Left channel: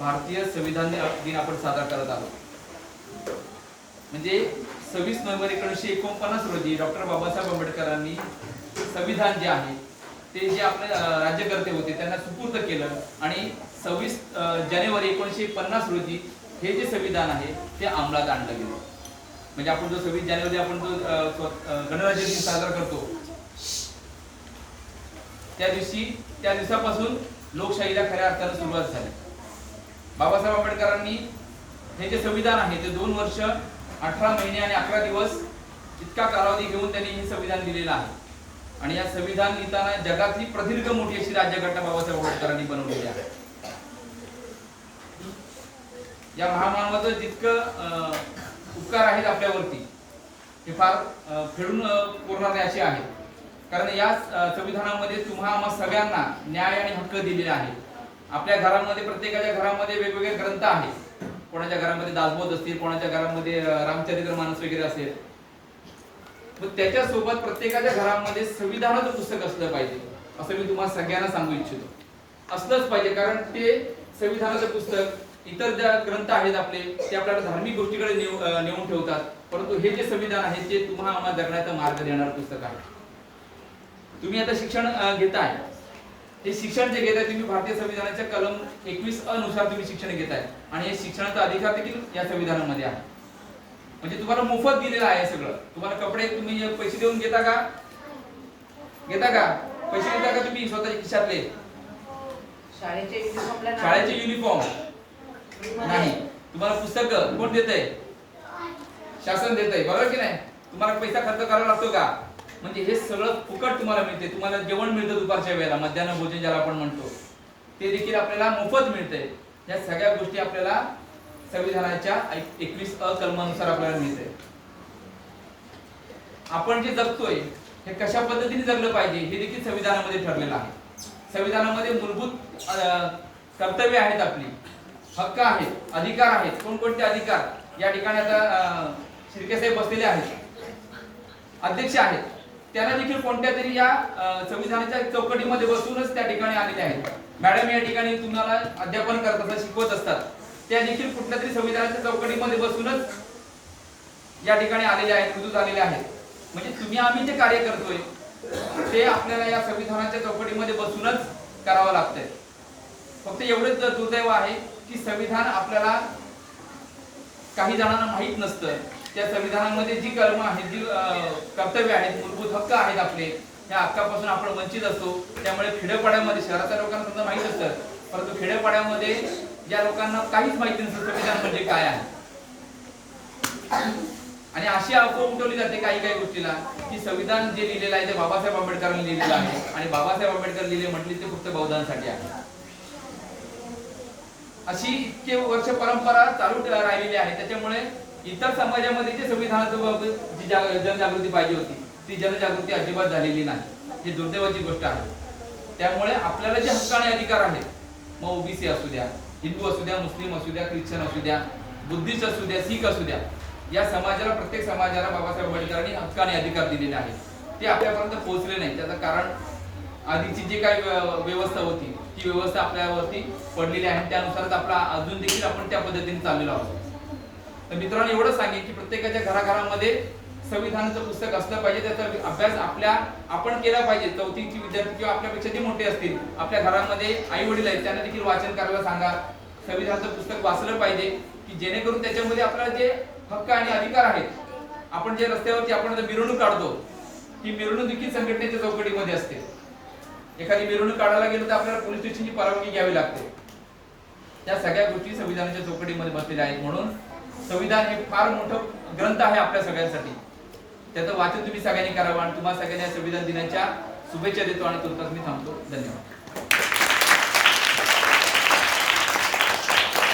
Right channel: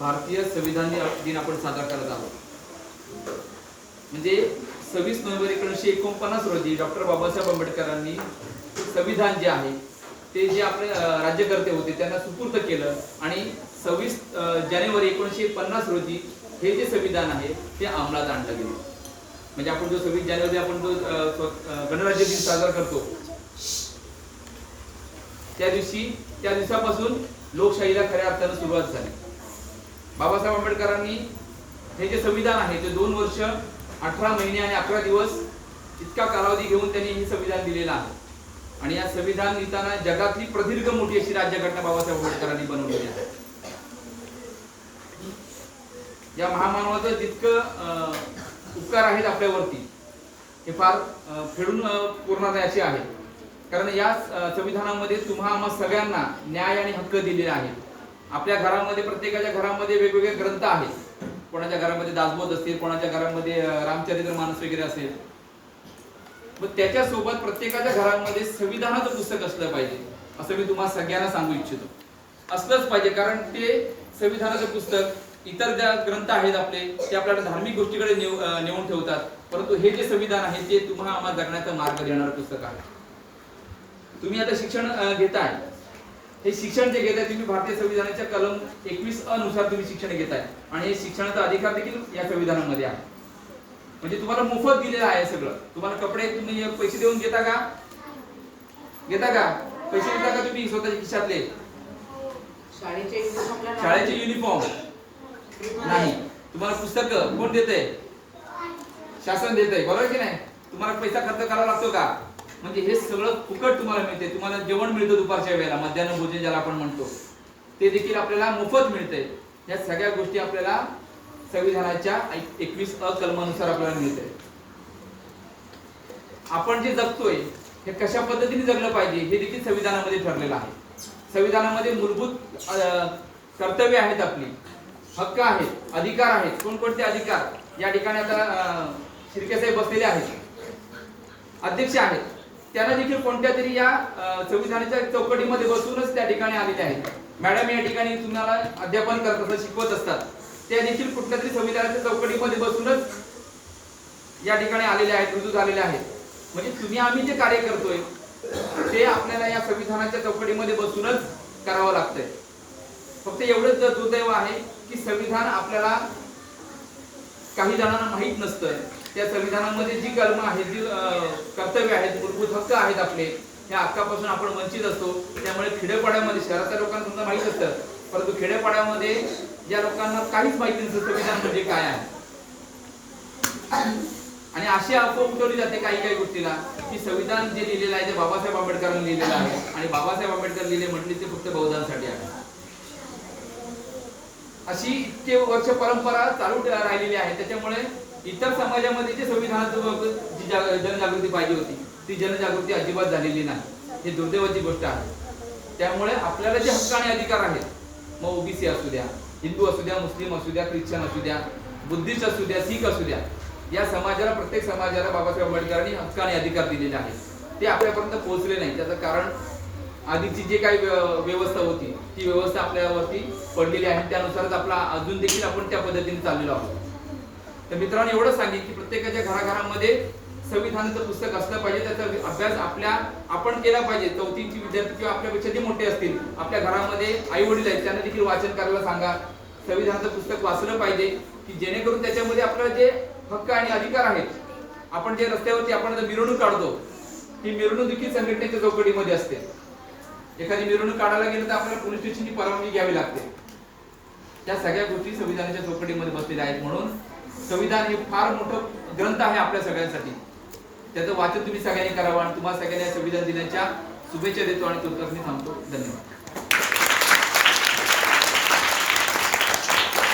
भारतीय संविधान दिन आपण साजरा करत आहोत. म्हणजे सव्वीस नोव्हेंबर एकोणीसशे एकोणपन्नास रोजी डॉक्टर बाबासाहेब आंबेडकरांनी संविधान जे आहे ते जे आपले राज्यकर्ते होते त्यांना सुपूर्त केलं. आणि सव्वीस जानेवारी एकोणीसशे पन्नास रोजी हे जे संविधान आहे ते अंमलात आणलं गेलं. म्हणजे आपण जो सव्वीस जानेवारी आपण जो गणराज्य दिन साजरा करतो त्या दिवशी त्या दिवसापासून लोकशाहीला खऱ्या अर्थानं सुरुवात झाली. बाबासाहेब आंबेडकरांनी हे जे संविधान आहे ते दोन वर्ष अठरा महिने आणि अकरा दिवस इतका कालावधी घेऊन त्यांनी हे संविधान दिलेलं आहे. आणि या संविधान लिहिताना जगातली प्रदीर्घ मोठी अशी राज्यघटना बाबासाहेब आंबेडकरांनी बनवलेली आहे. या महामानवाचं जितकं अं, उपकार आहेत आपल्यावरती हे फार फेडून पुरणार नाही असे आहे. कारण या संविधानामध्ये तुम्हा आम्हा सगळ्यांना न्याय आणि हक्क दिलेले आहे आपल्या घरामध्ये प्रत्येकाच्या घरामध्ये वेगवेगळे ग्रंथ आहेत. कोणाच्या घरामध्ये दासबोध असतील कोणाच्या घरामध्ये रामचरित्र मानस वगैरे असेल. मग त्याच्यासोबत प्रत्येकाच्या घरामध्ये संविधानाचं पुस्तक असलं पाहिजे असं मी तुम्हाला सगळ्यांना सांगू इच्छितो. असलंच पाहिजे कारण ते संविधानाचं पुस्तक इतर ज्या ग्रंथ आहेत आपले ते आपल्याला धार्मिक गोष्टीकडे नेऊ नेऊन ठेवतात. परंतु हे जे संविधान आहे ते तुम्हाला आम्हाला जगण्याचा मार्ग देणारं पुस्तक आहे. तुम्ही आता शिक्षण घेताय. हे शिक्षण जे घेताय तुम्ही भारतीय संविधानाच्या कलम एकवीस अनुसार तुम्ही शिक्षण घेताय. आणि हे शिक्षणाचा अधिकार देखील या संविधानामध्ये आहे. म्हणजे तुम्हाला मोफत दिलेलं आहे सगळं. तुम्हाला कपडे तुम्ही पैसे देऊन घेता का? घेता का? पैसे घेता का तुम्ही स्वतःच्या खिशातले? शाळेचे युनिफॉर्म नाही. तुम्हाला पुस्तक कोण देत शासन देत आहे बरोबर की नाही? तुम्हाला पैसा खर्च करावा लागतो का? म्हणजे हे सगळं फुकट तुम्हाला मिळते तुम्हाला जेवण मिळतं दुपारच्या वेळेला मध्यान्ह भोजन ज्याला आपण म्हणतो. ते देखील आपल्याला मोफत मिळते या सगळ्या गोष्टी आपल्याला संविधानाच्या एकवीस अ कलमानुसार आपल्याला मिळते आपण जे जगतोय हे कशा पद्धतीने जगलं पाहिजे हे देखील संविधानामध्ये ठरलेलं आहे. संविधानामध्ये मूलभूत कर्तव्य आहेत आपली. हक्क आहेत अधिकार आहेत. कोणकोणते अधिकार? या ठिकाणी आता शिर्के साहेब बसलेले आहेत. अध्यक्ष आहेत. त्यांना देखील कोणत्या तरी या संविधानाच्या चौकटीमध्ये बसूनच त्या ठिकाणी आलेले आहेत. मॅडम या ठिकाणी तुम्हाला अध्यापन करत असतात शिकवत असतात. त्या देखील कुठल्या तरी संविधानाच्या चौकटीमध्ये बसूनच या ठिकाणी आलेले आहेत रुजू झालेल्या आहेत. म्हणजे तुम्ही आम्ही जे कार्य करतोय ते आपल्याला या संविधानाच्या चौकटीमध्ये बसूनच करावं लागतंय. फक्त एवढंच दुर्दैव आहे की संविधान आपल्याला काही जणांना माहीत नसतं. त्या संविधानामध्ये जी कर्म आहेत जी कर्तव्य आहेत मूलभूत हक्क आहेत आपले ह्या हक्कापासून आपण वंचित असतो. त्यामुळे खेड्यापाड्यामध्ये शहराच्या लोकांना समजा माहीत असतं. परंतु खेड्यापाड्यामध्ये ज्या लोकांना काहीच माहिती नसतं संविधान म्हणजे काय आहे. आणि अशी अफवा उठवली जाते काही काही गोष्टीला की संविधान जे लिहिलेलं आहे ते बाबासाहेब आंबेडकरांनी लिहिलेलं आहे. आणि बाबासाहेब आंबेडकर लिहिले म्हटले ते फक्त बहुधांसाठी आहे. अशी इतके वर्ष परंपरा चालू राहिलेली आहे. त्याच्यामुळे इतर समाजामध्ये जे संविधानाचं जी जनजागृती पाहिजे होती ती जनजागृती अजिबात झालेली नाही. हे दुर्दैवाची गोष्ट आहे. त्यामुळे आपल्याला जे हक्क आणि अधिकार आहेत मग ओबीसी असू द्या हिंदू असू द्या मुस्लिम असू द्या ख्रिश्चन असू द्या बुद्धिस्ट असू द्या सिख असू द्या या समाजाला प्रत्येक समाजाला बाबासाहेब आंबेडकरांनी हक्क आणि अधिकार दिलेले आहेत. ते आपल्यापर्यंत पोहोचले नाही त्याचं कारण आधीची जे काही व्यवस्था होती ती व्यवस्था आपल्यावरती पडलेली आहे. त्यानुसारच आपला अजून देखील आपण त्या पद्धतीने चाललेलो आहोत तर मित्रांनो एवढं सांगेन की प्रत्येकाच्या घराघरामध्ये संविधानाचं पुस्तक असलं पाहिजे. त्याचा अभ्यास आपल्या आपण केला पाहिजे. चौथीची विद्यार्थी किंवा आपल्यापेक्षा जे मोठे असतील आपल्या घरामध्ये आई वडील आहेत त्यांना देखील वाचन करायला सांगा. संविधानाचं पुस्तक वाचलं पाहिजे की जेणेकरून त्याच्यामध्ये आपल्याला जे हक्क आणि अधिकार आहेत आपण जे रस्त्यावरती आपण जर मिरवणूक काढतो ही मिरवणूक देखील संघटनेच्या चौकटीमध्ये असते. एखादी मिरवणूक काढायला गेलं तर आपल्याला पोलीस स्टेशनची परवानगी घ्यावी लागते. त्या सगळ्या गोष्टी संविधानाच्या चौकटीमध्ये बसलेल्या आहेत म्हणून संविधान हे फार मोठं ग्रंथ आहे आपल्या सगळ्यांसाठी. त्याचं वाचन तुम्ही सगळ्यांनी करावं आणि तुम्हाला सगळ्यांना संविधान दिनाच्या शुभेच्छा देतो आणि तुमचं मी थांबतो. धन्यवाद.